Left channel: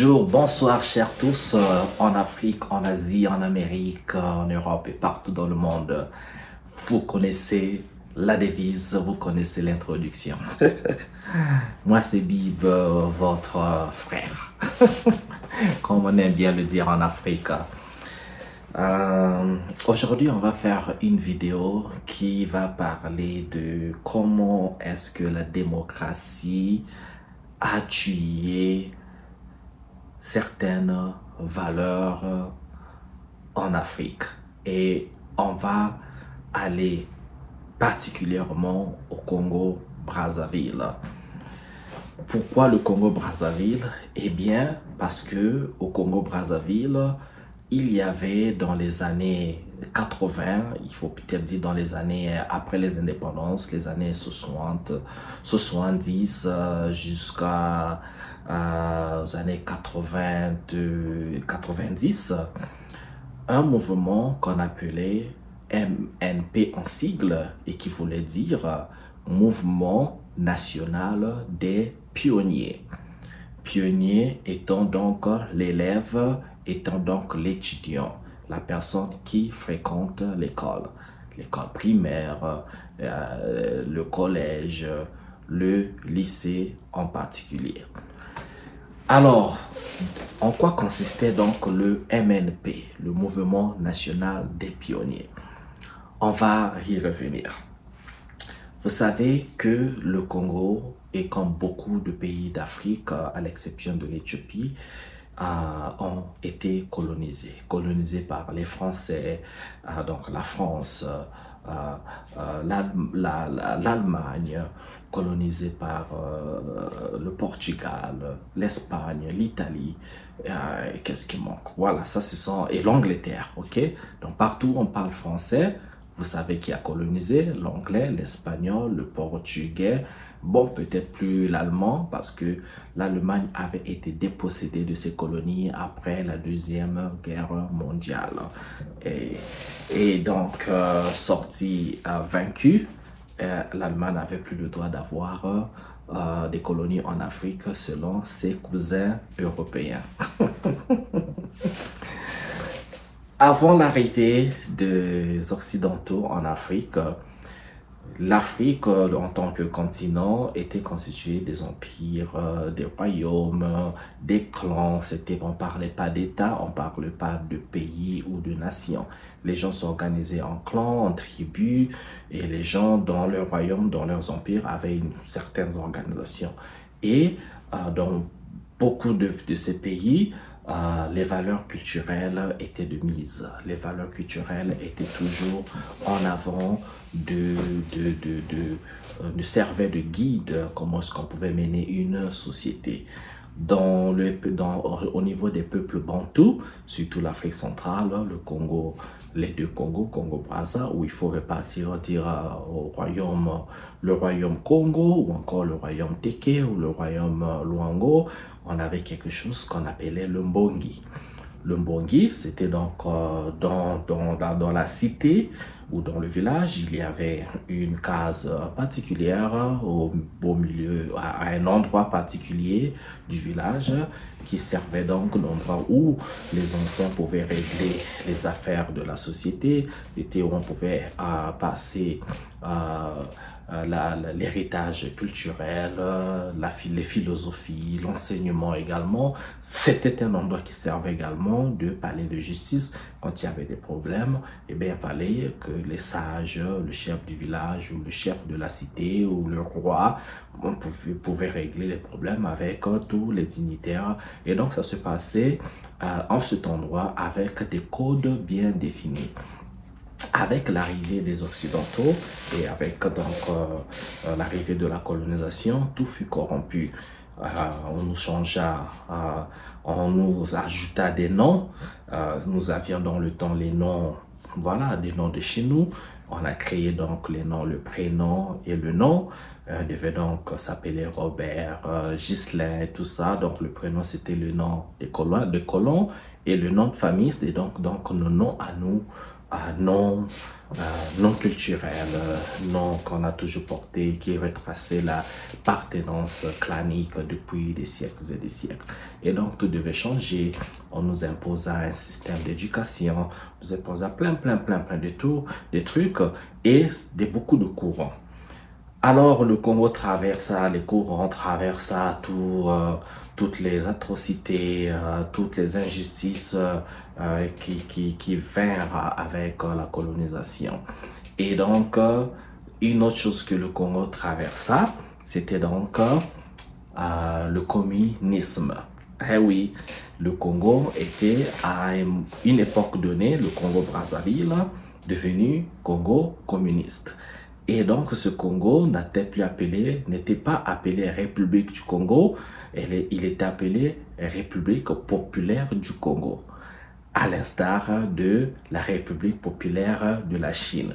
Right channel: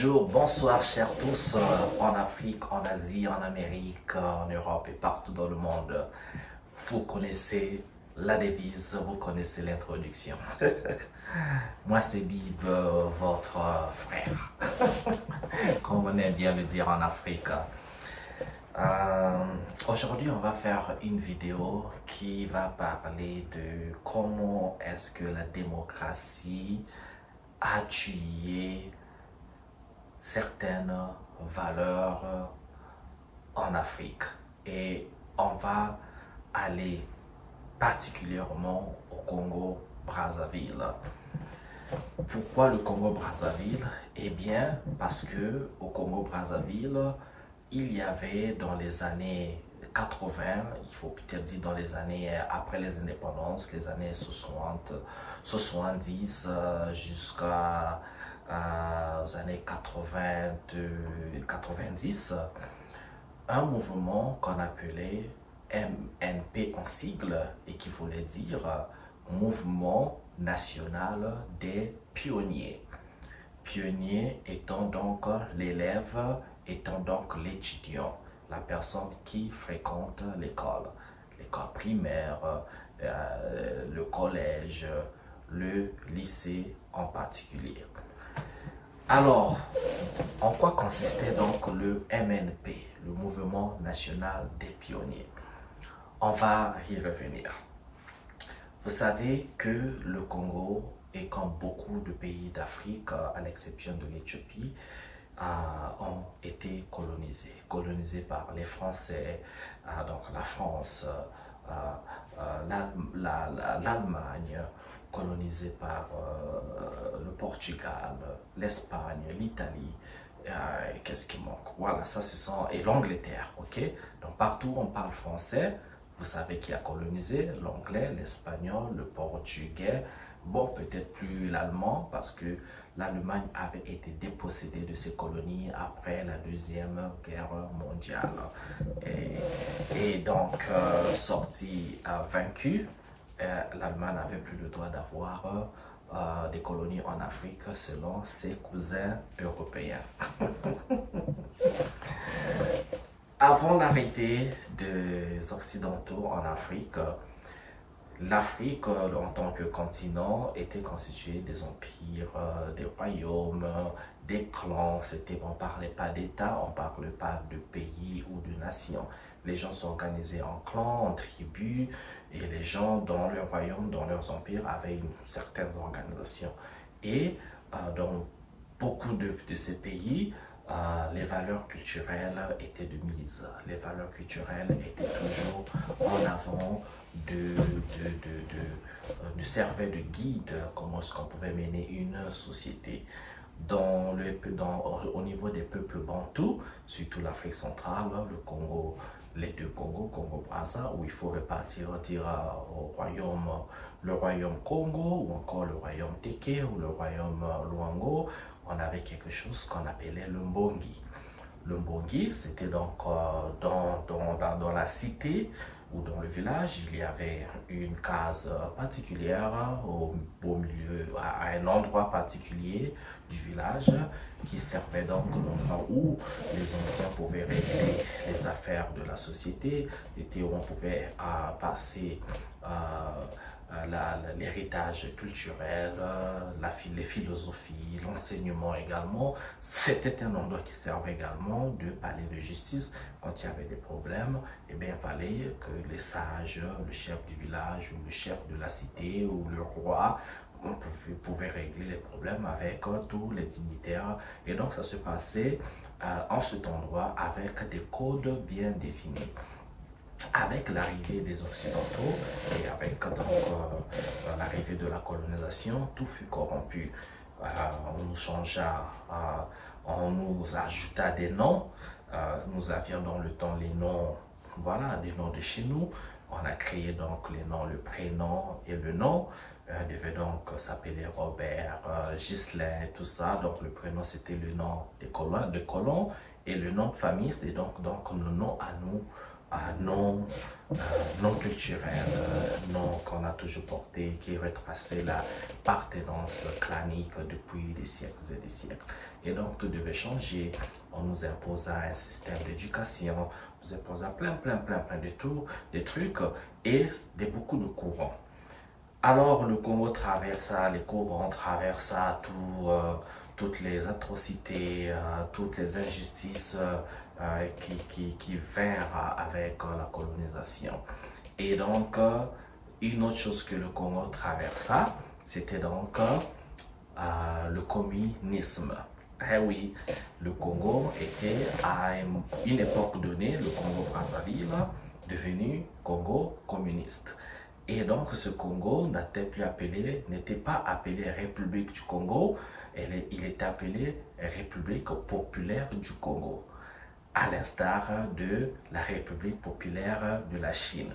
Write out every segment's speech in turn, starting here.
Bonjour, bonsoir chers tous en Afrique, en Asie, en Amérique, en Europe et partout dans le monde. Vous connaissez la devise, vous connaissez l'introduction. Moi c'est Bib, votre frère, comme on aime bien le dire en Afrique. Aujourd'hui on va faire une vidéo qui va parler de comment est-ce que la démocratie a tué certaines valeurs en Afrique. Et on va aller particulièrement au Congo-Brazzaville. Pourquoi le Congo-Brazzaville? Eh bien, parce que au Congo-Brazzaville, il y avait dans les années 80, il faut peut-être dire dans les années après les indépendances, les années 60, 70 jusqu'à aux années 90, un mouvement qu'on appelait MNP en sigle et qui voulait dire Mouvement National des Pionniers. Pionnier étant donc l'élève, étant donc l'étudiant, la personne qui fréquente l'école primaire, le collège, le lycée en particulier. Alors, en quoi consistait donc le MNP, le Mouvement National des Pionniers? On va y revenir. Vous savez que le Congo, et comme beaucoup de pays d'Afrique, à l'exception de l'Éthiopie, ont été colonisés par les Français, donc la France, l'Allemagne, colonisée par le Portugal, l'Espagne, l'Italie, qu'est-ce qui manque? Voilà, ça ce sont, et l'Angleterre, ok? Donc partout on parle français, vous savez qui a colonisé? L'anglais, l'espagnol, le portugais, bon peut-être plus l'allemand parce que l'Allemagne avait été dépossédée de ses colonies après la Deuxième Guerre mondiale. Et donc, sortie vaincue, l'Allemagne n'avait plus le droit d'avoir des colonies en Afrique selon ses cousins européens. Avant l'arrivée des Occidentaux en Afrique, l'Afrique, en tant que continent, était constituée des empires, des royaumes, des clans. On ne parlait pas d'État, on ne parlait pas de pays ou de nation. Les gens s'organisaient en clans, en tribus, et les gens dans leurs royaumes, dans leurs empires, avaient une certaine organisation. Et dans beaucoup de ces pays, les valeurs culturelles étaient de mise. Les valeurs culturelles étaient toujours en avant, servaient de guide, comment est-ce qu'on pouvait mener une société. Au niveau des peuples bantous, surtout l'Afrique centrale, le Congo, les deux Congos, Congo-Brazza, où il faut repartir le royaume Congo, ou encore le royaume Teke, ou le royaume Luango, on avait quelque chose qu'on appelait le Mbongi. Le Mbongi, c'était donc dans la cité ou dans le village, il y avait une case particulière au milieu, à un endroit particulier du village qui servait donc d'endroit où les anciens pouvaient régler les affaires de la société, c'était où on pouvait passer l'héritage culturel, les philosophies, l'enseignement également. C'était un endroit qui servait également de palais de justice. Quand il y avait des problèmes, eh bien, il fallait que les sages, le chef du village ou le chef de la cité ou le roi, on pouvait régler les problèmes avec tous les dignitaires. Et donc, ça se passait en cet endroit avec des codes bien définis. Avec l'arrivée des Occidentaux et avec l'arrivée de la colonisation, tout fut corrompu. On nous changea, on nous ajouta des noms. Nous avions dans le temps les noms, voilà, des noms de chez nous. On a créé donc les noms, le prénom et le nom. Devait donc s'appeler Robert, Ghislain, tout ça. Donc le prénom c'était le nom des colons et le nom de famille c'était donc nos noms à nous. non, non culturelle, non qu'on a toujours porté, qui retraçait la appartenance clanique depuis des siècles et des siècles. Et donc tout devait changer. On nous imposa un système d'éducation, on nous imposa plein de tout, des trucs et beaucoup de courants. Alors le Congo traversa, les courants traversa toutes les atrocités, toutes les injustices qui vinrent avec la colonisation. Et donc, une autre chose que le Congo traversa, c'était donc le communisme. Eh oui, le Congo était à une époque donnée, le Congo-Brazzaville, devenu Congo communiste. Et donc ce Congo n'était pas appelé République du Congo, il était appelé République populaire du Congo, à l'instar de la République populaire de la Chine.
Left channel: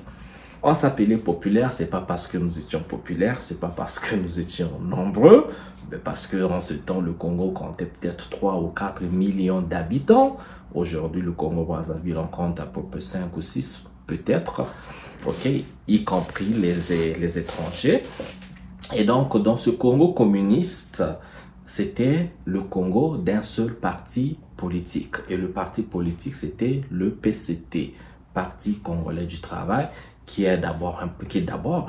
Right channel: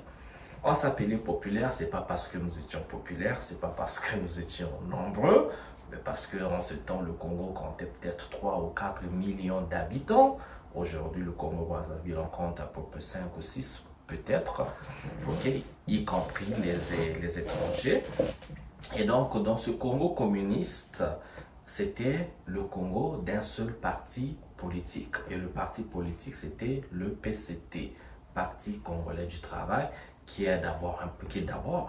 On s'appelait populaire, c'est pas parce que nous étions populaires, c'est pas parce que nous étions nombreux, mais parce qu'en ce temps, le Congo comptait peut-être 3 ou 4 millions d'habitants. Aujourd'hui, le Congo-Brazzaville en compte à peu près 5 ou 6 peut-être, ok, y compris les étrangers. Et donc, dans ce Congo communiste, c'était le Congo d'un seul parti politique. Et le parti politique, c'était le PCT, Parti congolais du travail, qui est d'abord un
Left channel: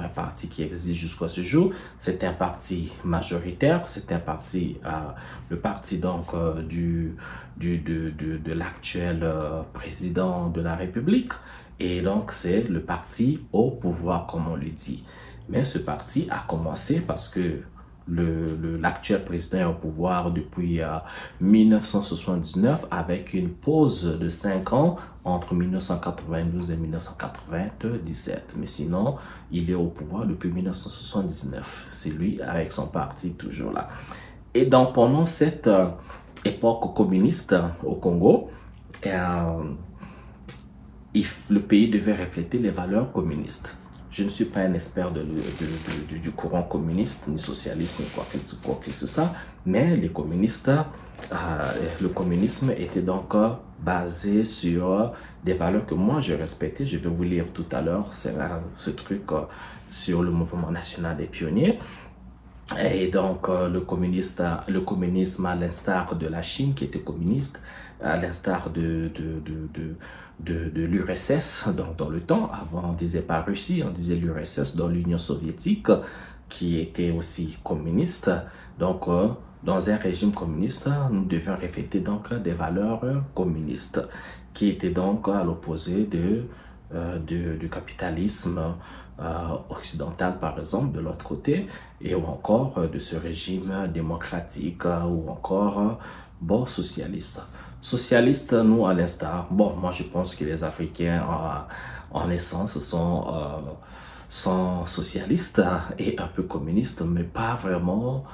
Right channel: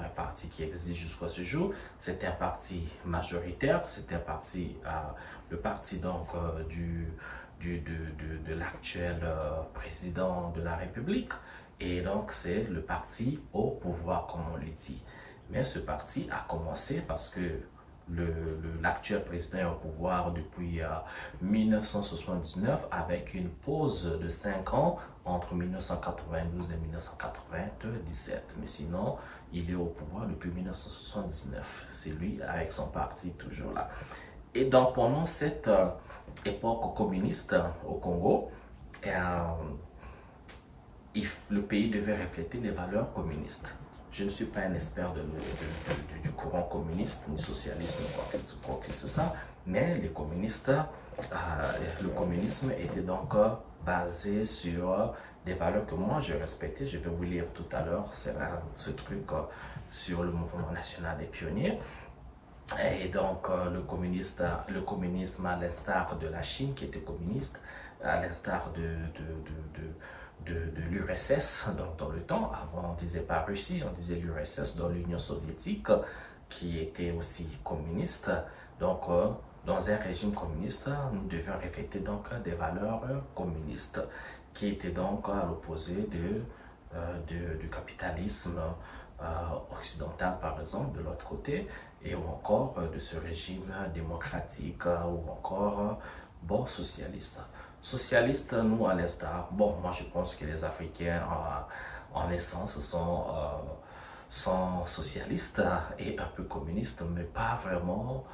parti qui existe jusqu'à ce jour. C'est un parti majoritaire, c'est un parti, le parti donc de l'actuel président de la République. Et donc, c'est le parti au pouvoir, comme on le dit. Mais ce parti a commencé parce que l'actuel président est au pouvoir depuis 1979 avec une pause de 5 ans entre 1992 et 1997. Mais sinon, il est au pouvoir depuis 1979. C'est lui avec son parti toujours là. Et donc, pendant cette époque communiste au Congo, le pays devait refléter les valeurs communistes. Je ne suis pas un expert du courant communiste, ni socialiste, ni quoi que ce soit, mais les communistes, le communisme était donc basé sur des valeurs que moi je respectais. Je vais vous lire tout à l'heure ce truc sur le mouvement national des pionniers. Et donc, le communisme, à l'instar de la Chine qui était communiste, à l'instar de l'URSS, donc dans le temps, avant on ne disait pas Russie, on disait l'URSS, dans l'Union soviétique, qui était aussi communiste. Donc, dans un régime communiste, nous devions refléter donc des valeurs communistes, qui étaient donc à l'opposé du capitalisme occidental, par exemple, de l'autre côté, et ou encore de ce régime démocratique ou encore bon, socialiste. Socialiste, nous, à l'instar, bon, moi je pense que les Africains en essence sont socialistes et un peu communistes, mais pas vraiment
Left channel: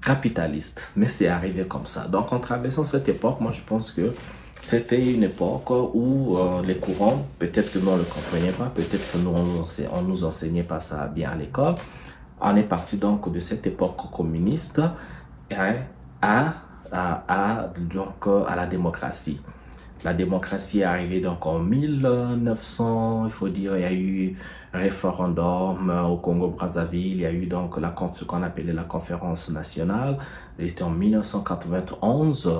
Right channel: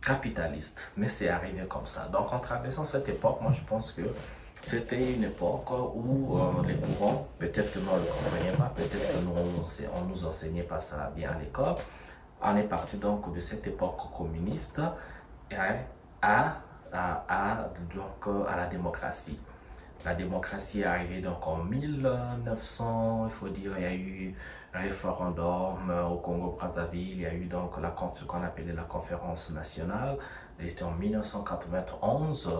capitalistes. Mais c'est arrivé comme ça. Donc en traversant cette époque, moi je pense que c'était une époque où les courants, peut-être que nous on ne le comprenait pas, peut-être que nous on nous enseignait pas ça bien à l'école. On est parti donc de cette époque communiste donc, à la démocratie. La démocratie est arrivée donc en 1900, il faut dire, il y a eu un référendum au Congo-Brazzaville, il y a eu donc ce qu'on appelait la conférence nationale. C'était en 1991,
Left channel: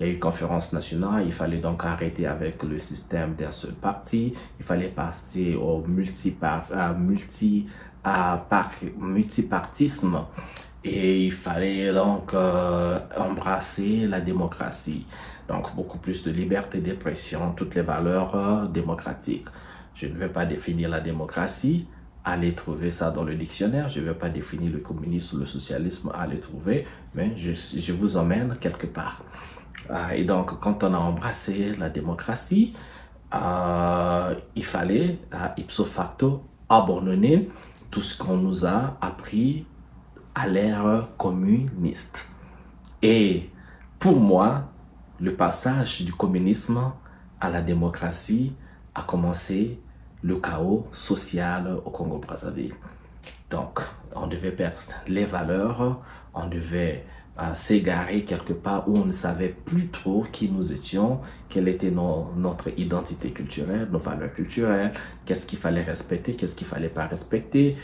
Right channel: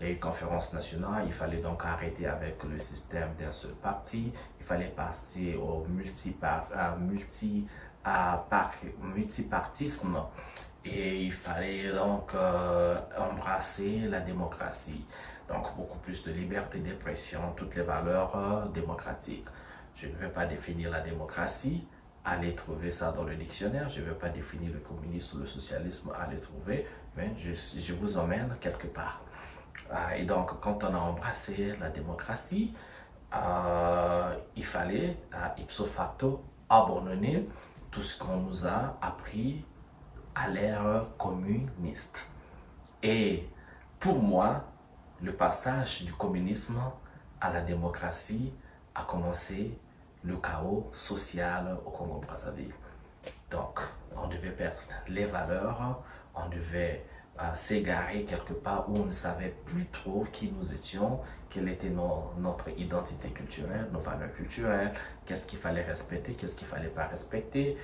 il y a eu conférence nationale, il fallait donc arrêter avec le système d'un seul parti, il fallait passer au multipartisme. Et il fallait donc embrasser la démocratie. Donc beaucoup plus de liberté d'expression, toutes les valeurs démocratiques. Je ne vais pas définir la démocratie, allez trouver ça dans le dictionnaire. Je ne vais pas définir le communisme ou le socialisme, allez trouver, mais je vous emmène quelque part. Et donc quand on a embrassé la démocratie, il fallait ipso facto abandonner tout ce qu'on nous a appris à l'ère communiste. Et pour moi, le passage du communisme à la démocratie a commencé le chaos social au Congo-Brazzaville. Donc, on devait perdre les valeurs, on devait s'égarer quelque part où on ne savait plus trop qui nous étions, quelle était notre identité culturelle, nos valeurs culturelles, qu'est-ce qu'il fallait respecter, qu'est-ce qu'il fallait pas respecter,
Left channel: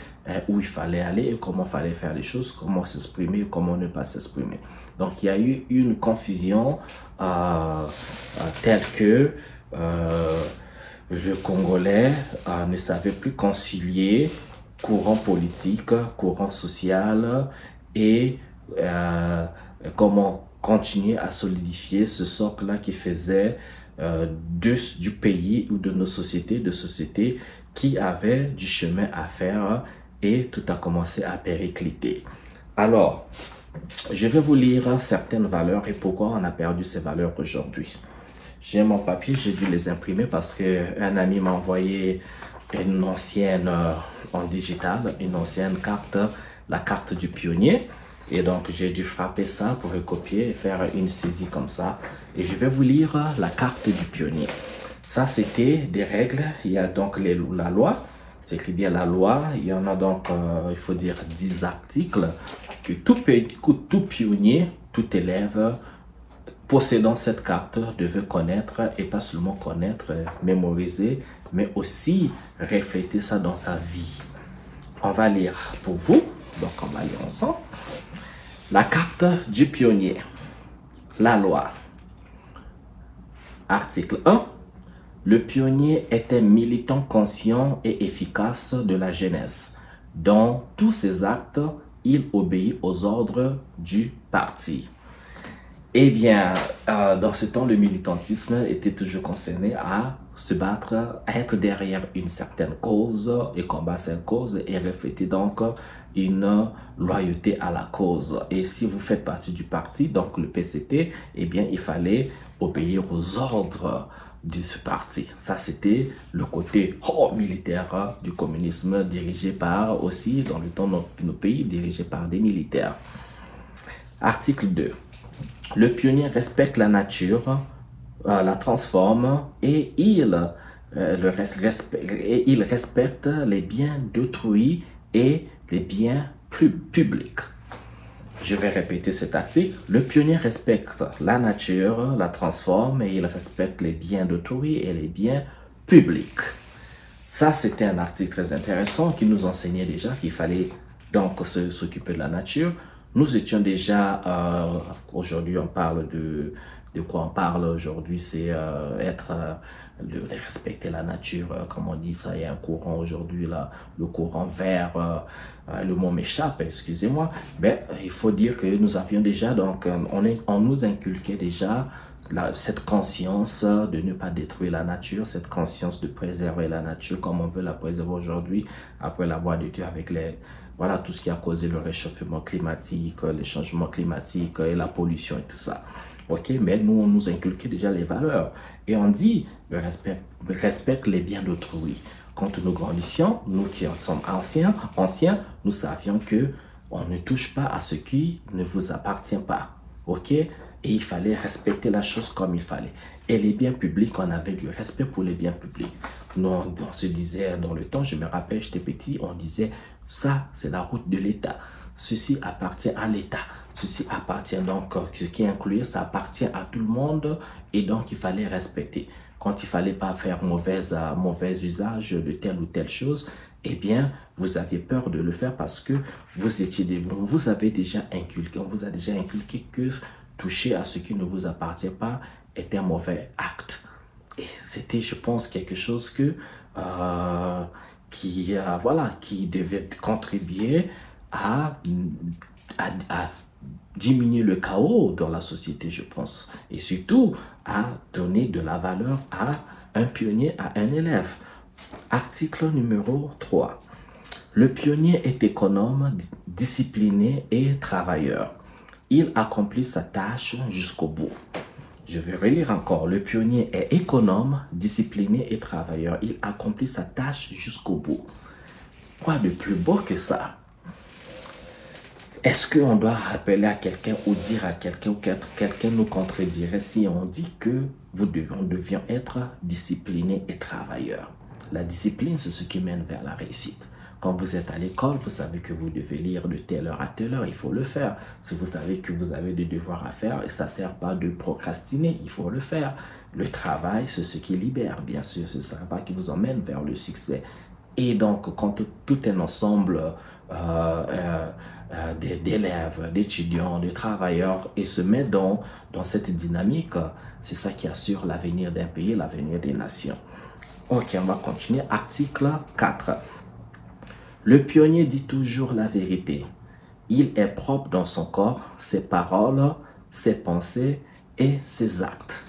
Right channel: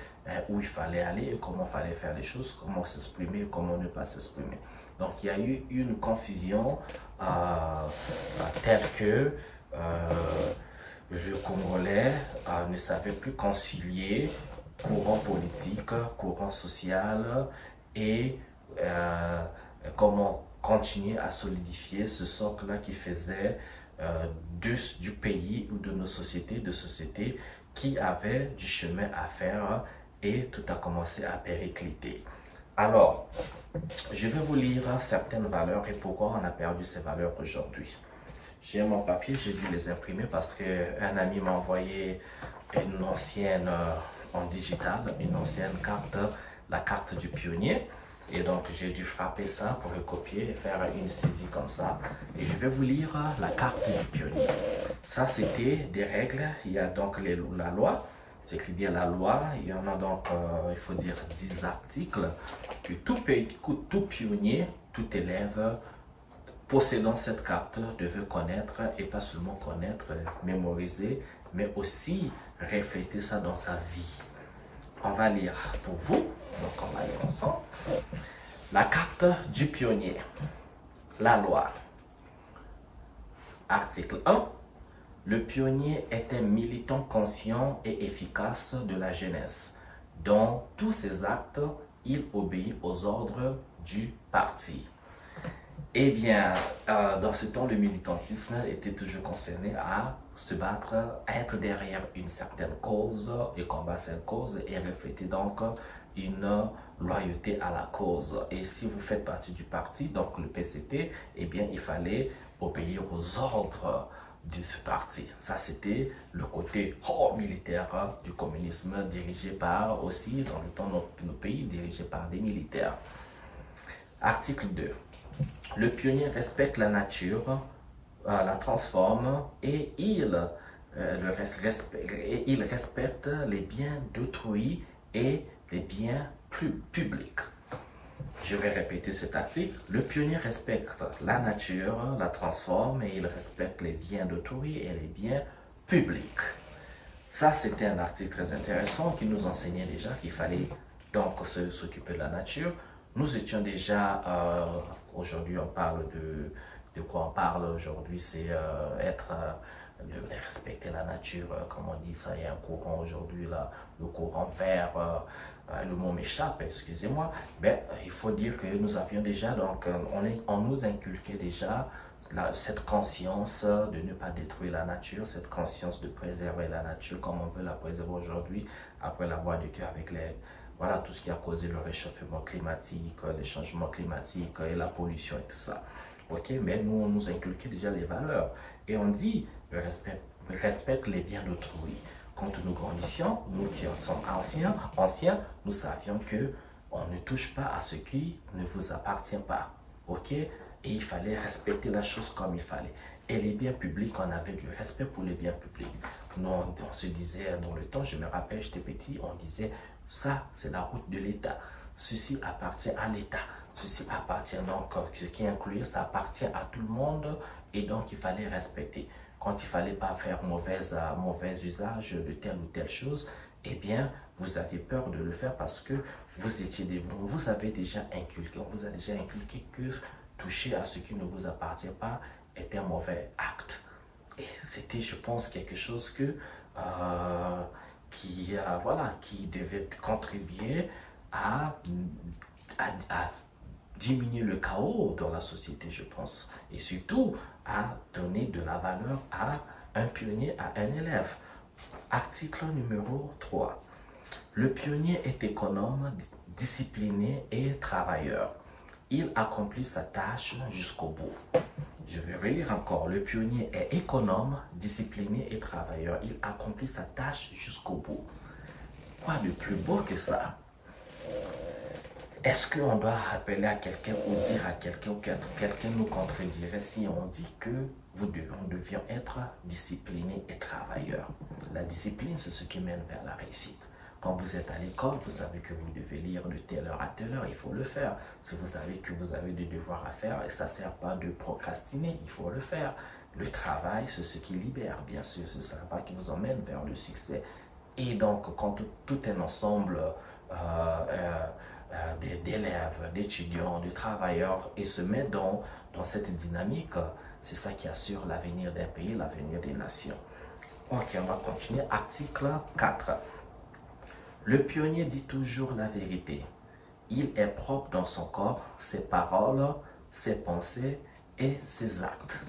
où il fallait aller et comment il fallait faire les choses, comment s'exprimer, comment ne pas s'exprimer. Donc il y a eu une confusion telle que le Congolais ne savait plus concilier courant politique, courant social et comment continuer à solidifier ce socle-là qui faisait du pays ou de nos sociétés, de sociétés qui avaient du chemin à faire et tout a commencé à péricliter. Alors, je vais vous lire certaines valeurs et pourquoi on a perdu ces valeurs aujourd'hui. J'ai mon papier, j'ai dû les imprimer parce qu'un ami m'a envoyé une ancienne en digital, une ancienne carte, la carte du pionnier. Et donc, j'ai dû frapper ça pour recopier et faire une saisie comme ça. Et je vais vous lire la carte du pionnier. Ça, c'était des règles. Il y a donc la loi. C'est écrit bien la loi. Il y en a donc, il faut dire, 10 articles que tout pionnier, tout élève possédant cette carte devait connaître et pas seulement connaître, mémoriser, mais aussi refléter ça dans sa vie. On va lire pour vous, donc on va lire ensemble. La carte du pionnier. La loi. Article 1. Le pionnier était militant conscient et efficace de la jeunesse. Dans tous ses actes, il obéit aux ordres du parti. Eh bien, dans ce temps, le militantisme était toujours concerné à se battre, à être derrière une certaine cause et combattre cette cause et refléter donc une loyauté à la cause. Et si vous faites partie du parti, donc le PCT, eh bien, il fallait obéir aux ordres de ce parti. Ça, c'était le côté militaire du communisme dirigé par aussi, dans le temps de nos pays, dirigé par des militaires. Article 2. Le pionnier respecte la nature, la transforme et il respecte les biens d'autrui et les biens publics. Je vais répéter cet article. Le pionnier respecte la nature, la transforme et il respecte les biens d'autrui et les biens publics. Ça, c'était un article très intéressant qui nous enseignait déjà qu'il fallait donc s'occuper de la nature. Nous étions déjà, aujourd'hui on parle de quoi on parle aujourd'hui, c'est de respecter la nature, comme on dit ça, il y a un courant aujourd'hui, là, le courant vert, le mot m'échappe, excusez-moi, mais il faut dire que nous avions déjà, donc on nous inculquait déjà cette conscience de ne pas détruire la nature, cette conscience de préserver la nature comme on veut la préserver aujourd'hui, après l'avoir détruite avec voilà, tout ce qui a causé le réchauffement climatique, les changements climatiques et la pollution et tout ça. Ok, mais nous, on nous inculquait déjà les valeurs. Et on dit, respecte les biens d'autrui. Quand nous grandissions, nous qui sommes anciens, nous savions que on ne touche pas à ce qui ne vous appartient pas. Ok, et il fallait respecter la chose comme il fallait. Et les biens publics, on avait du respect pour les biens publics. Nous, on se disait dans le temps, je me rappelle, j'étais petit, on disait, ça, c'est la route de l'État. Ceci appartient à l'État. Ceci appartient donc, ce qui inclut, ça appartient à tout le monde et donc il fallait respecter. Quand il ne fallait pas faire mauvais usage de telle ou telle chose, eh bien, vous aviez peur de le faire parce que on vous avait déjà inculqué, on vous a déjà inculqué que toucher à ce qui ne vous appartient pas est un mauvais acte. Et c'était, je pense, quelque chose que qui devait contribuer à diminuer le chaos dans la société, je pense. Et surtout, à donner de la valeur à un pionnier, à un élève. Article numéro 3. Le pionnier est économe, discipliné et travailleur. Il accomplit sa tâche jusqu'au bout. Je vais relire encore. Le pionnier est économe, discipliné et travailleur. Il accomplit sa tâche jusqu'au bout. Quoi de plus beau que ça? Est-ce qu'on doit rappeler à quelqu'un ou dire à quelqu'un ou quelqu'un nous contredirait si on dit que nous devions être disciplinés et travailleurs? La discipline, c'est ce qui mène vers la réussite. Quand vous êtes à l'école, vous savez que vous devez lire de telle heure à telle heure, il faut le faire. Si vous savez que vous avez des devoirs à faire, et ça ne sert pas de procrastiner, il faut le faire. Le travail, c'est ce qui libère, bien sûr, ce ne sera pas qui vous emmène vers le succès. Et donc, quand tout un ensemble d'élèves, d'étudiants, de travailleurs et se met dans cette dynamique, c'est ça qui assure l'avenir d'un pays, l'avenir des nations. Ok, on va continuer. Article 4. Le pionnier dit toujours la vérité. Il est propre dans son corps, ses paroles, ses pensées et ses actes.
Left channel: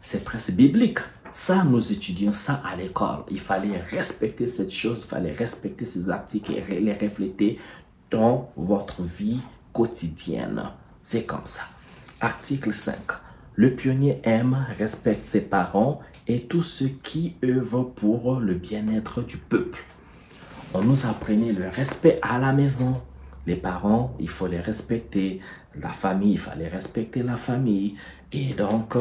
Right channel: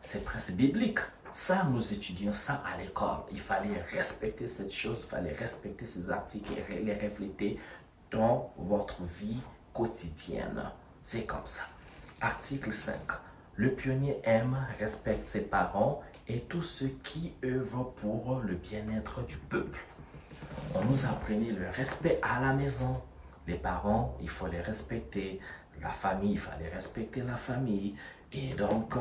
C'est presque biblique. Ça, nous étudions ça à l'école. Il fallait respecter cette chose, il fallait respecter ces articles et les refléter dans votre vie quotidienne. C'est comme ça. Article 5. Le pionnier aime, respecte ses parents et tous ceux qui œuvrent pour le bien-être du peuple. On nous apprenait le respect à la maison. Les parents, il faut les respecter. La famille, il fallait respecter la famille. Et donc,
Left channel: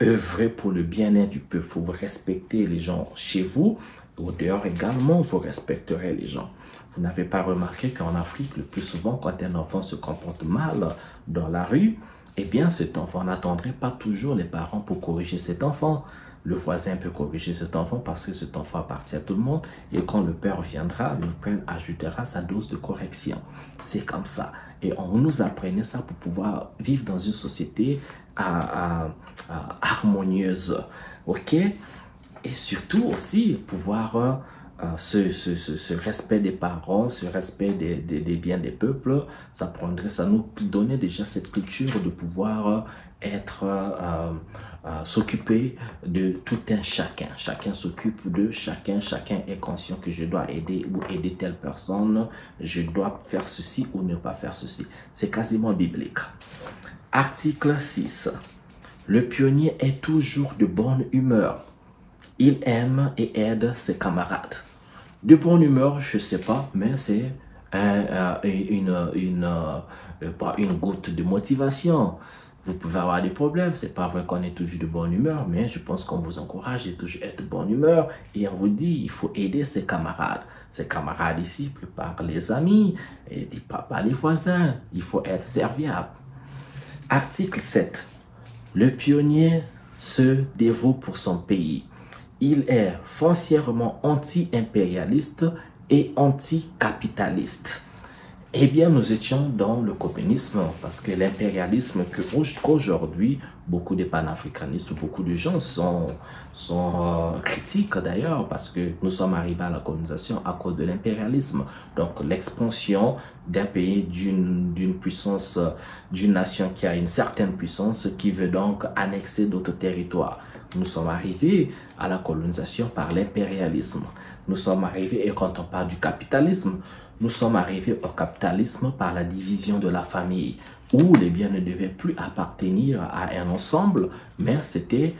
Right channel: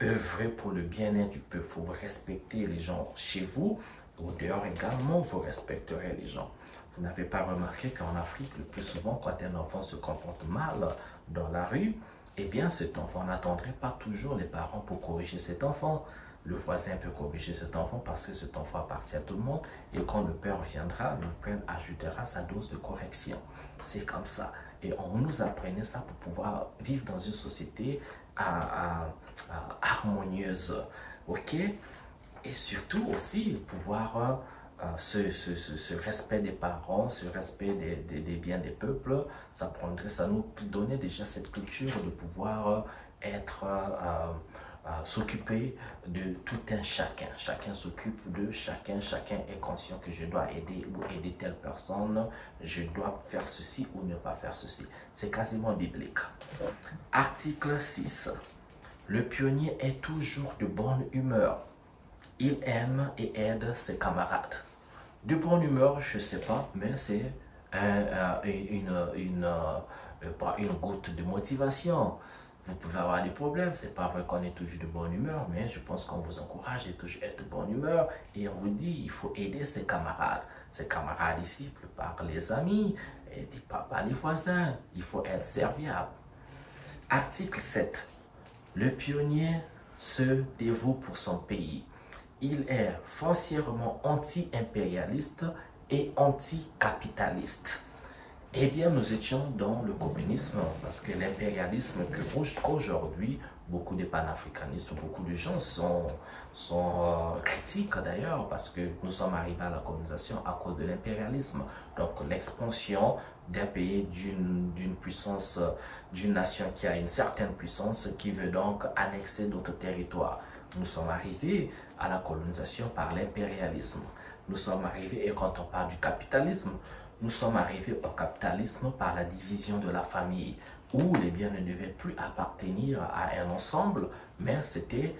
œuvrer pour le bien-être du peuple. Il faut respecter les gens chez vous. Au dehors également, vous respecterez les gens. Vous n'avez pas remarqué qu'en Afrique, le plus souvent, quand un enfant se comporte mal dans la rue, eh bien, cet enfant n'attendrait pas toujours les parents pour corriger cet enfant. Le voisin peut corriger cet enfant parce que cet enfant appartient à tout le monde. Et quand le père viendra, le père ajoutera sa dose de correction. C'est comme ça. Et on nous apprenait ça pour pouvoir vivre dans une société harmonieuse. OK? Et surtout aussi pouvoir ce respect des parents, ce respect des biens des peuples, ça nous donnait déjà cette culture de pouvoir s'occuper de tout un chacun. Chacun s'occupe de chacun. Chacun est conscient que je dois aider ou aider telle personne. Je dois faire ceci ou ne pas faire ceci. C'est quasiment biblique. Article 6. Le pionnier est toujours de bonne humeur. Il aime et aide ses camarades. De bonne humeur, je ne sais pas, mais c'est une goutte de motivation. Vous pouvez avoir des problèmes, c'est pas vrai qu'on est toujours de bonne humeur, mais je pense qu'on vous encourage de toujours être de bonne humeur. Et on vous dit, il faut aider ses camarades. Ses camarades ici, plus par les amis, et pas les voisins. Il faut être serviable. Article 7. Le pionnier se dévoue pour son pays. Il est foncièrement anti-impérialiste et anti-capitaliste. Eh bien, nous étions dans le communisme parce que l'impérialisme qu'aujourd'hui, beaucoup de panafricanistes, beaucoup de gens sont critiques d'ailleurs parce que nous sommes arrivés à la colonisation à cause de l'impérialisme. Donc, l'expansion d'un pays, d'une puissance, d'une nation qui a une certaine puissance qui veut donc annexer d'autres territoires. Nous sommes arrivés à la colonisation par l'impérialisme. Nous sommes arrivés, et quand on parle du capitalisme, nous sommes arrivés au capitalisme par la division de la famille, où les biens ne devaient plus appartenir à un ensemble, mais c'était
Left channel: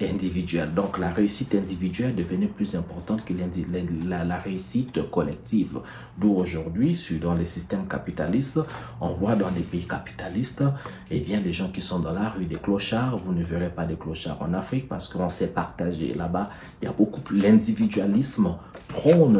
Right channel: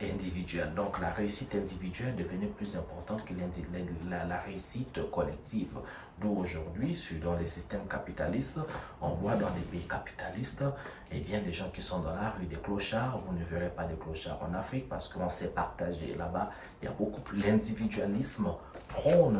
individuel. Donc la réussite individuelle devenait plus importante que la réussite collective. D'où aujourd'hui, dans les systèmes capitalistes, on voit dans des pays capitalistes, eh bien, des gens qui sont dans la rue, des clochards. Vous ne verrez pas des clochards en Afrique parce qu'on sait partager. Là-bas, il y a beaucoup plus l'individualisme prône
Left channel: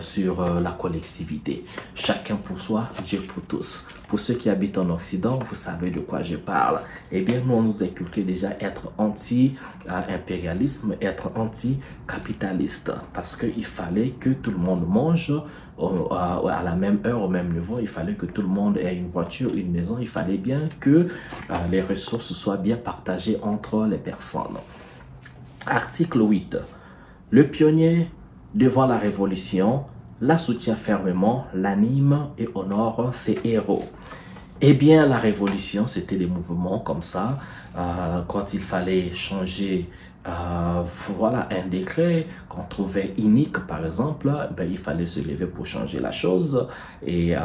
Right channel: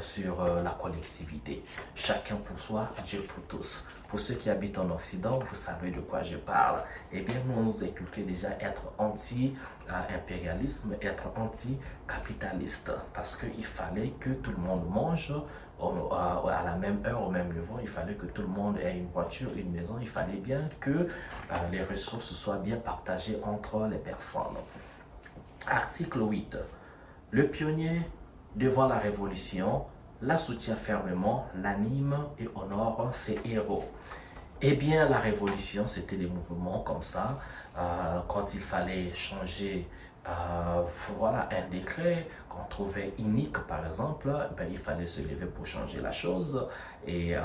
sur la collectivité. Chacun pour soi, Dieu pour tous. Pour ceux qui habitent en Occident, vous savez de quoi je parle. Eh bien, nous, on nous inculquait déjà être anti-impérialisme, être anti-capitaliste. Parce qu'il fallait que tout le monde mange à la même heure, au même niveau. Il fallait que tout le monde ait une voiture, une maison. Il fallait bien que les ressources soient bien partagées entre les personnes. Article 8. Le pionnier devant la révolution, la soutient fermement, l'anime et honore ses héros. Eh bien, la révolution, c'était des mouvements comme ça. Quand il fallait changer voilà, un décret qu'on trouvait inique, par exemple, ben, il fallait se lever pour changer la chose. Et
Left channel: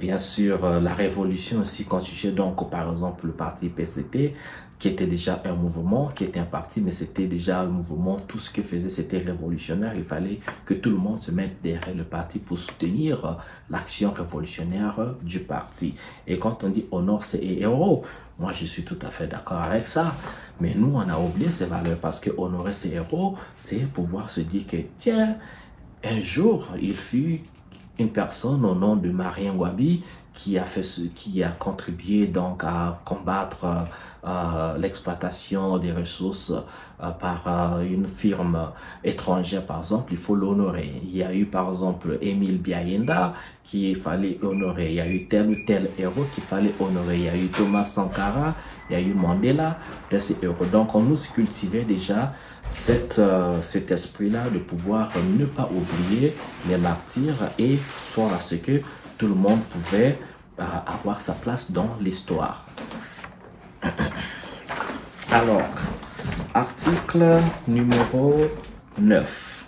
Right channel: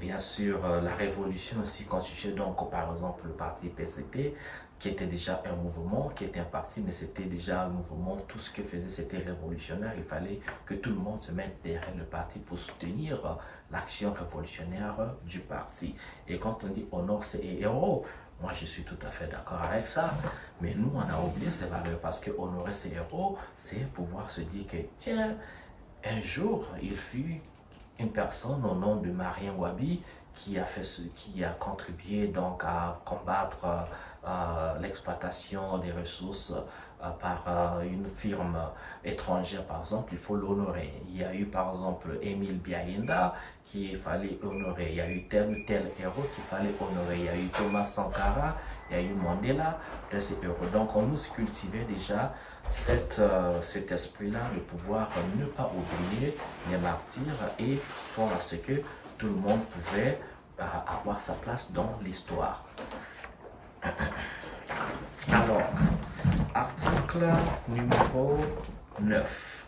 bien sûr, la révolution aussi constituait donc, par exemple, le parti PCT, qui était déjà un mouvement, qui était un parti, mais c'était déjà un mouvement. Tout ce qu'il faisait, c'était révolutionnaire. Il fallait que tout le monde se mette derrière le parti pour soutenir l'action révolutionnaire du parti. Et quand on dit honore ses héros, Moi, je suis tout à fait d'accord avec ça. Mais nous, on a oublié ces valeurs parce que honorer ses héros, c'est pouvoir se dire que, tiens, un jour, il fut une personne au nom de Marie Ngouabi qui a contribué donc à combattre l'exploitation des ressources par une firme étrangère, par exemple. Il faut l'honorer. Il y a eu par exemple Émile Biayenda qu'il fallait honorer. Il y a eu tel ou tel héros qu'il fallait honorer. Il y a eu Thomas Sankara, il y a eu Mandela, de ces héros. Donc on nous cultivait déjà cet esprit-là de pouvoir ne pas oublier les martyrs et faire à ce que tout le monde pouvait avoir sa place dans l'histoire. Alors, article numéro 9.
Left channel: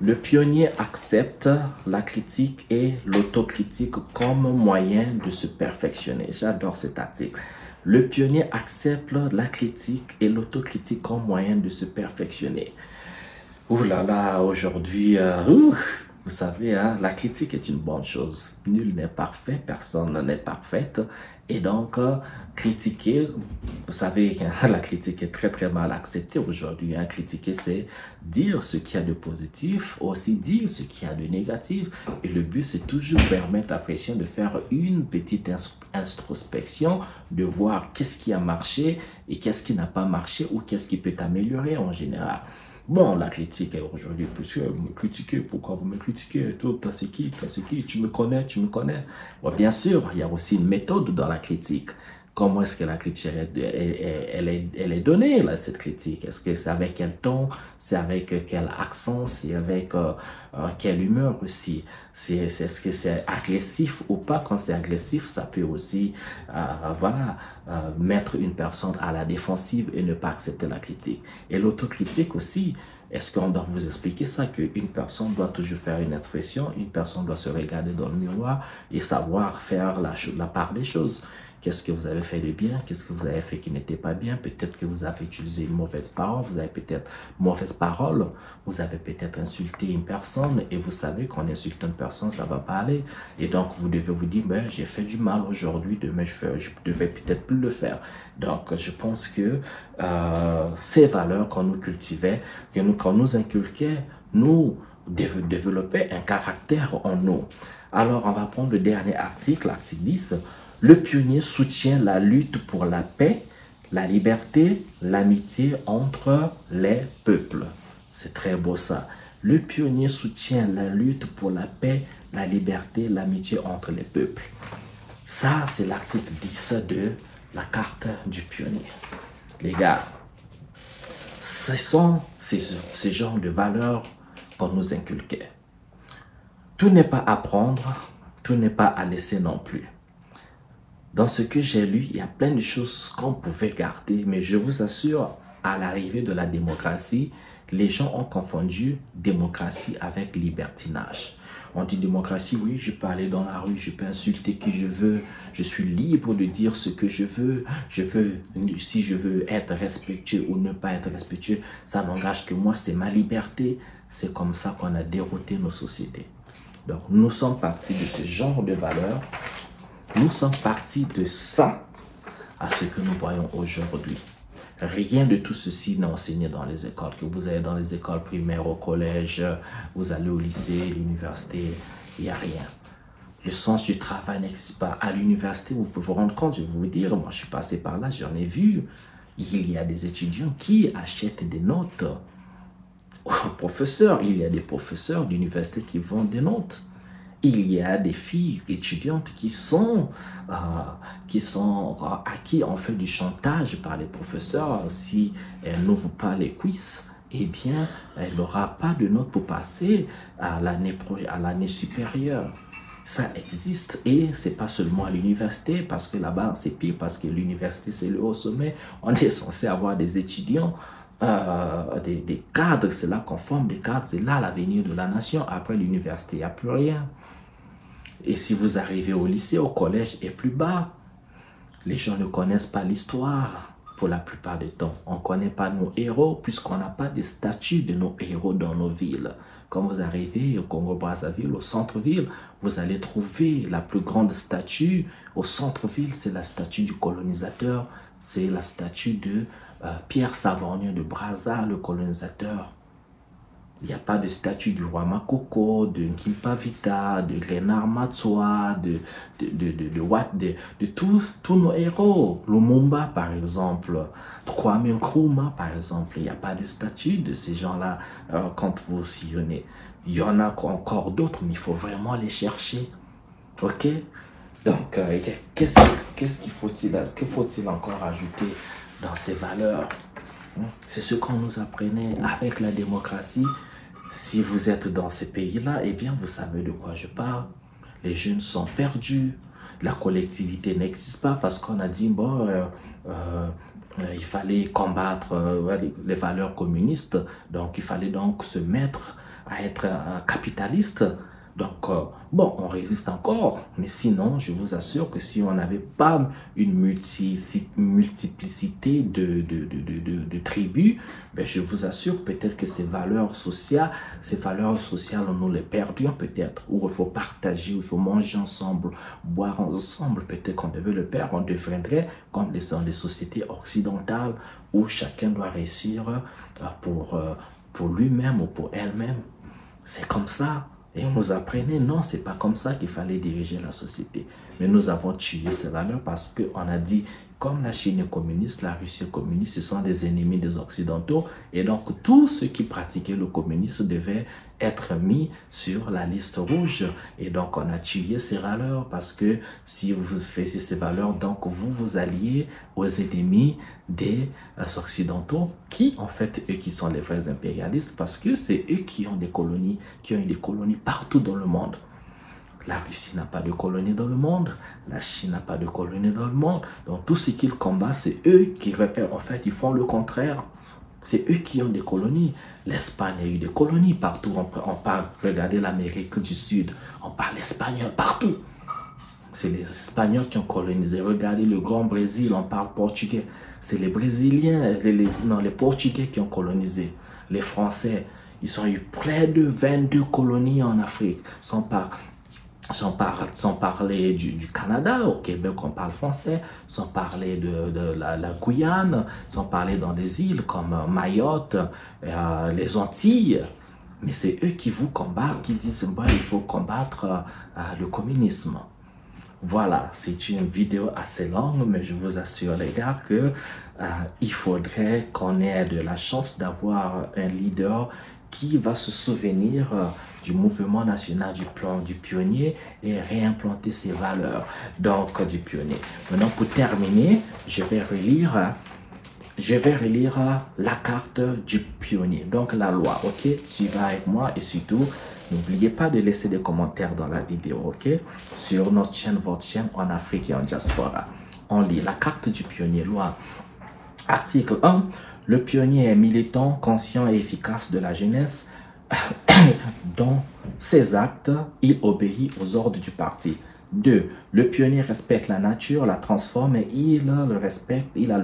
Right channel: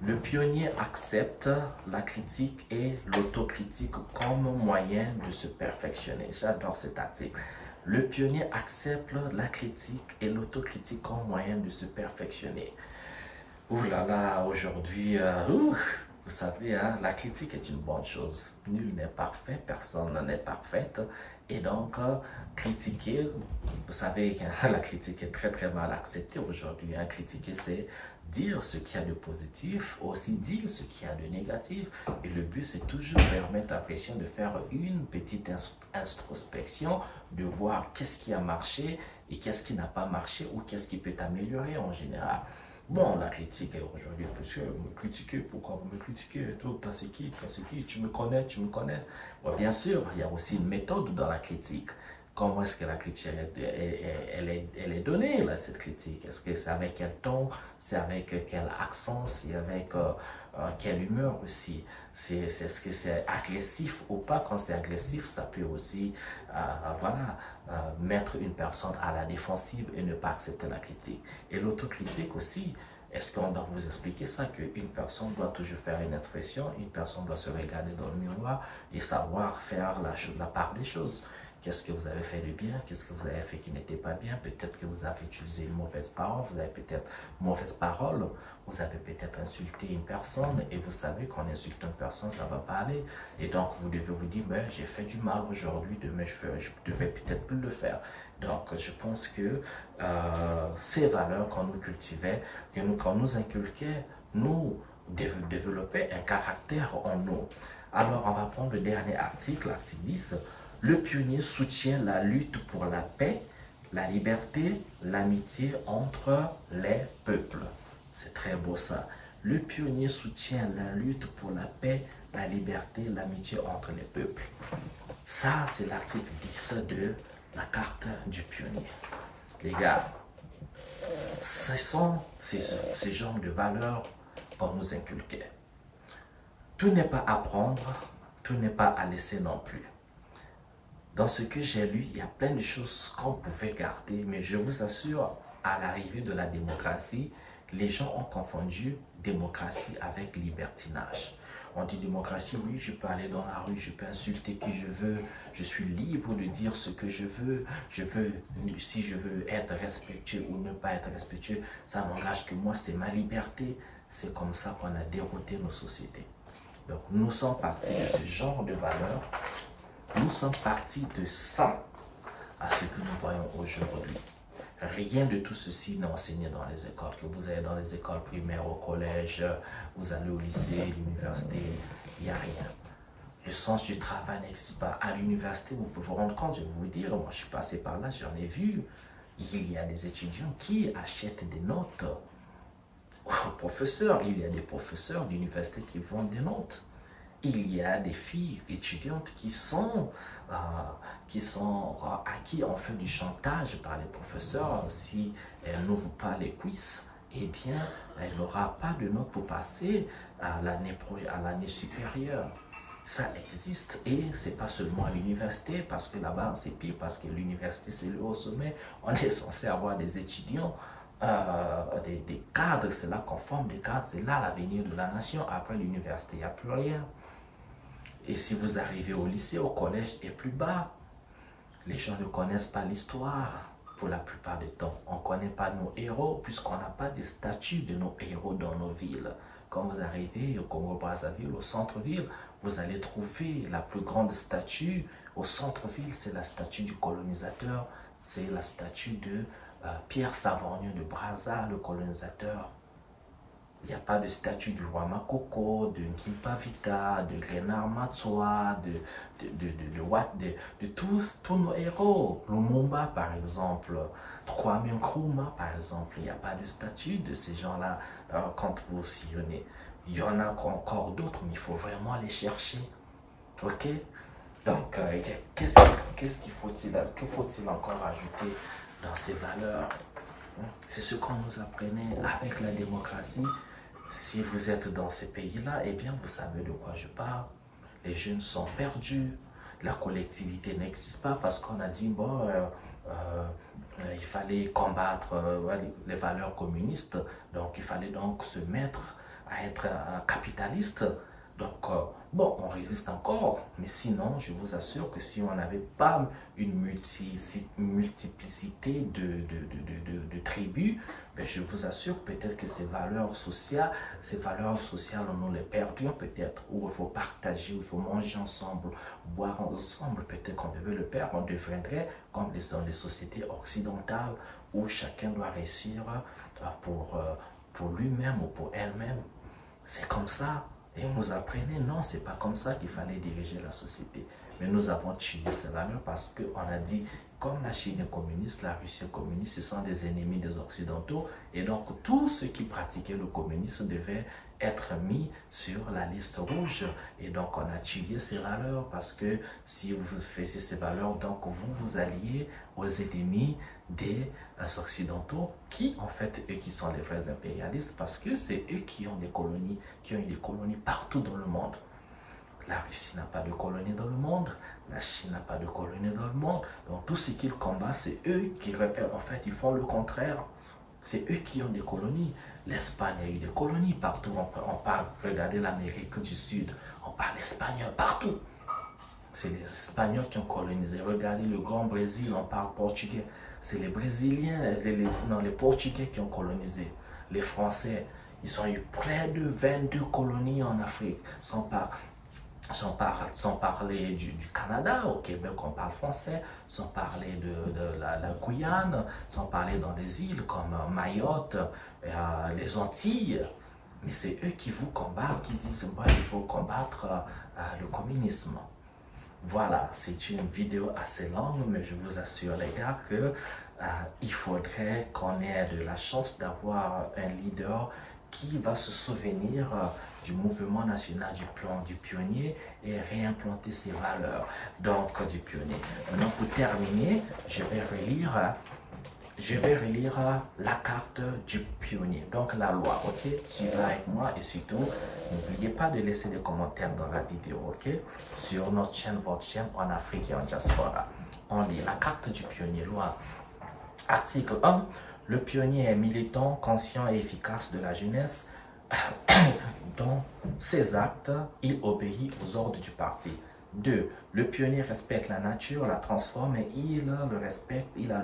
Le pionnier accepte la critique et l'autocritique comme moyen de se perfectionner. J'adore cet article. Le pionnier accepte la critique et l'autocritique comme moyen de se perfectionner. Ouh là là, aujourd'hui, vous savez, hein, la critique est une bonne chose. Nul n'est parfait, personne n'est parfaite. Et donc, critiquer, vous savez, la critique est très très mal acceptée aujourd'hui. Hein. Critiquer, c'est dire ce qu'il y a de positif, aussi dire ce qu'il y a de négatif. Et le but, c'est toujours permettre à Pression de faire une petite introspection, de voir qu'est-ce qui a marché et qu'est-ce qui n'a pas marché ou qu'est-ce qui peut améliorer en général. Bon, la critique est aujourd'hui, monsieur, vous me critiquez, pourquoi vous me critiquez? Toi, c'est qui? Toi, c'est qui? Tu me connais, tu me connais? Bon, bien sûr, il y a aussi une méthode dans la critique. Comment est-ce que la critique elle est donnée, là, cette critique? Est-ce que c'est avec quel ton? C'est avec quel accent? C'est avec quelle humeur aussi? Est-ce que c'est agressif ou pas? Quand c'est agressif, ça peut aussi voilà, mettre une personne à la défensive et ne pas accepter la critique. Et l'autocritique aussi, est-ce qu'on doit vous expliquer ça, qu'une personne doit toujours faire une expression, une personne doit se regarder dans le miroir et savoir faire la part des choses? Qu'est-ce que vous avez fait de bien? Qu'est-ce que vous avez fait qui n'était pas bien? Peut-être que vous avez utilisé une mauvaise parole, vous avez peut-être mauvaise parole, vous avez peut-être insulté une personne et vous savez qu'en insultant une personne, ça ne va pas aller. Et donc, vous devez vous dire, ben, j'ai fait du mal aujourd'hui, demain, je devais peut-être plus le faire. Donc, je pense que ces valeurs qu'on nous cultivait, qu'on nous inculquait, nous développaient un caractère en nous. Alors, on va prendre le dernier article, l'article 10. Le pionnier soutient la lutte pour la paix, la liberté, l'amitié entre les peuples. C'est très beau ça. Le pionnier soutient la lutte pour la paix, la liberté, l'amitié entre les peuples. Ça, c'est l'article 10 de la carte du pionnier. Les gars, ce sont ces genres de valeurs qu'on nous inculquait. Tout n'est pas à prendre, tout n'est pas à laisser non plus. Dans ce que j'ai lu, il y a plein de choses qu'on pouvait garder, mais je vous assure, à l'arrivée de la démocratie, les gens ont confondu démocratie avec libertinage. On dit démocratie, oui, je peux aller dans la rue, je peux insulter qui je veux, je suis libre de dire ce que je veux, si je veux être respectueux ou ne pas être respectueux, ça n'engage que moi, c'est ma liberté. C'est comme ça qu'on a dérouté nos sociétés. Donc, nous sommes partis de ce genre de valeurs. Nous sommes partis de ça à ce que nous voyons aujourd'hui. Rien de tout ceci n'est enseigné dans les écoles. Que vous allez dans les écoles primaires, au collège, vous allez au lycée, l'université, il n'y a rien. Le sens du travail n'existe pas. À l'université, vous pouvez vous rendre compte, je vais vous dire, moi je suis passé par là, j'en ai vu. Il y a des étudiants qui achètent des notes aux professeurs. Il y a des professeurs d'université qui vendent des notes. Il y a des filles étudiantes à qui on fait du chantage par les professeurs. Si elles n'ouvrent pas les quiz, eh bien, elle n'aura pas de notes pour passer à l'année supérieure. Ça existe et c'est pas seulement à l'université, parce que là-bas, c'est pire, parce que l'université, c'est le haut sommet. On est censé avoir des étudiants, des cadres, c'est là qu'on forme des cadres, c'est là l'avenir de la nation. Après l'université, il n'y a plus rien. Et si vous arrivez au lycée, au collège et plus bas, les gens ne connaissent pas l'histoire. pour la plupart du temps. On ne connaît pas nos héros puisqu'on n'a pas de statues de nos héros dans nos villes. Quand vous arrivez au Congo-Brazzaville, au centre-ville, vous allez trouver la plus grande statue. Au centre-ville, c'est la statue du colonisateur. C'est la statue de Pierre Savorgnan de Brazza, le colonisateur. Il n'y a pas de statue du roi Makoko, de Nkimpa Vita, de Renard Matsoa, de tous nos héros. Lumumba, par exemple, Kwame Nkrumah, par exemple. Il n'y a pas de statue de ces gens-là quand vous sillonnez. Il y en a encore d'autres, mais il faut vraiment les chercher. OK? Donc, qu'est-ce faut-il encore ajouter dans ces valeurs? C'est ce qu'on nous apprenait avec la démocratie. Si vous êtes dans ces pays-là, eh bien, vous savez de quoi je parle. Les jeunes sont perdus. La collectivité n'existe pas parce qu'on a dit, bon, il fallait combattre les valeurs communistes. Donc, il fallait donc se mettre à être capitaliste. Donc, bon, on résiste encore, mais sinon, je vous assure que si on n'avait pas une multiplicité de tribus, ben, je vous assure peut-être que ces valeurs sociales, nous les perdions peut-être, où il faut partager, où il faut manger ensemble, boire ensemble, peut-être qu'on devait le perdre, on deviendrait comme dans les sociétés occidentales, où chacun doit réussir pour lui-même ou pour elle-même. C'est comme ça. Et on nous apprenait, non, c'est pas comme ça qu'il fallait diriger la société. Mais nous avons tué ces valeurs parce qu'on a dit, comme la Chine est communiste, la Russie est communiste, ce sont des ennemis des Occidentaux. Et donc, tous ceux qui pratiquaient le communisme devaient être mis sur la liste rouge. Et donc, on a tué ces valeurs parce que si vous faisiez ces valeurs, donc vous alliez aux ennemis des Occidentaux qui, en fait, eux qui sont les vrais impérialistes parce que c'est eux qui ont des colonies, qui ont eu des colonies partout dans le monde. La Russie n'a pas de colonies dans le monde, la Chine n'a pas de colonies dans le monde. Donc tout ce qu'ils combattent, c'est eux qui repèrent. En fait, ils font le contraire. C'est eux qui ont des colonies. L'Espagne a eu des colonies partout. On parle, regardez l'Amérique du Sud, on parle espagnol partout. C'est les Espagnols qui ont colonisé. Regardez le Grand Brésil, on parle portugais. C'est les Brésiliens, les Portugais qui ont colonisé. Les Français, ils ont eu près de 22 colonies en Afrique, sans parler du Canada. Au Québec, on parle français, sans parler de la Guyane, sans parler dans les îles comme Mayotte, les Antilles. Mais c'est eux qui vous combattent, qui disent bon, il faut combattre le communisme. Voilà, c'est une vidéo assez longue, mais je vous assure les gars que il faudrait qu'on ait de la chance d'avoir un leader qui va se souvenir du mouvement national du pionnier et réimplanter ses valeurs donc du pionnier. Maintenant, pour terminer, je vais relire la carte du pionnier, donc la loi, ok? Suivez avec moi et surtout, n'oubliez pas de laisser des commentaires dans la vidéo, ok? Sur notre chaîne, votre chaîne en Afrique et en diaspora. On lit la carte du pionnier, loi. Article 1. Le pionnier est militant, conscient et efficace de la jeunesse. Dans ses actes, il obéit aux ordres du parti. 2. Le pionnier respecte la nature, la transforme et il a le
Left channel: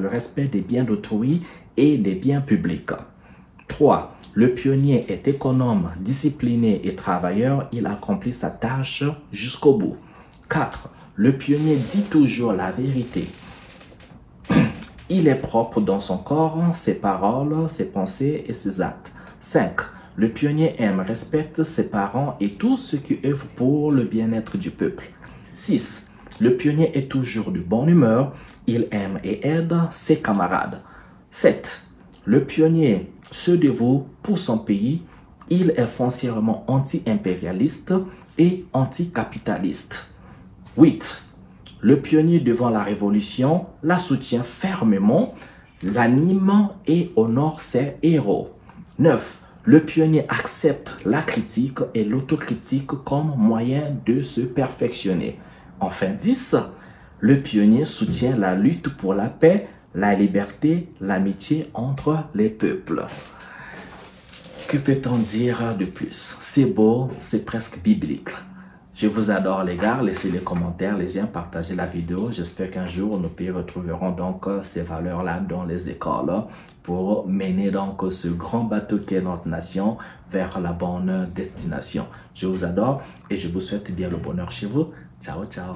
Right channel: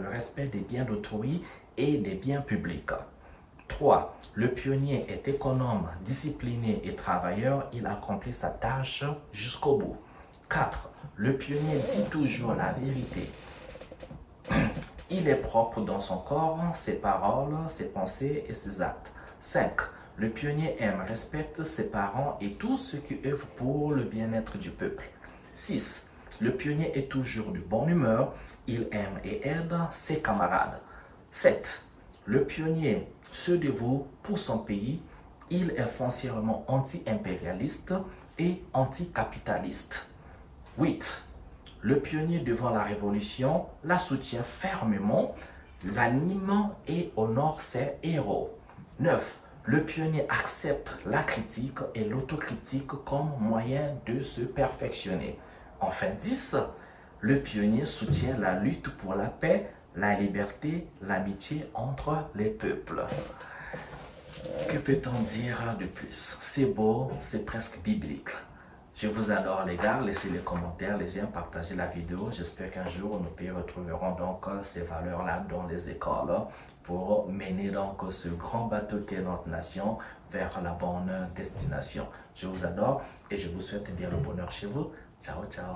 respect des biens d'autrui et des biens publics. 3. Le pionnier est économe, discipliné et travailleur. Il accomplit sa tâche jusqu'au bout. 4. Le pionnier dit toujours la vérité. Il est propre dans son corps, ses paroles, ses pensées et ses actes. 5. Le pionnier aime, respecte ses parents et tous ceux qui œuvrent pour le bien-être du peuple. 6. Le pionnier est toujours de bonne humeur. Il aime et aide ses camarades. 7. Le pionnier se dévoue pour son pays. Il est foncièrement anti-impérialiste et anticapitaliste. 8. Le pionnier devant la révolution la soutient fermement, l'anime et honore ses héros. 9. Le pionnier accepte la critique et l'autocritique comme moyen de se perfectionner. Enfin 10. Le pionnier soutient la lutte pour la paix, la liberté, l'amitié entre les peuples. Que peut-on dire de plus? C'est beau, c'est presque biblique. Je vous adore les gars, laissez les commentaires, les j'aime, partagez la vidéo. J'espère qu'un jour nos pays retrouveront donc ces valeurs-là dans les écoles pour mener donc ce grand bateau qui est notre nation vers la bonne destination. Je vous adore et je vous souhaite bien le bonheur chez vous. Ciao, ciao.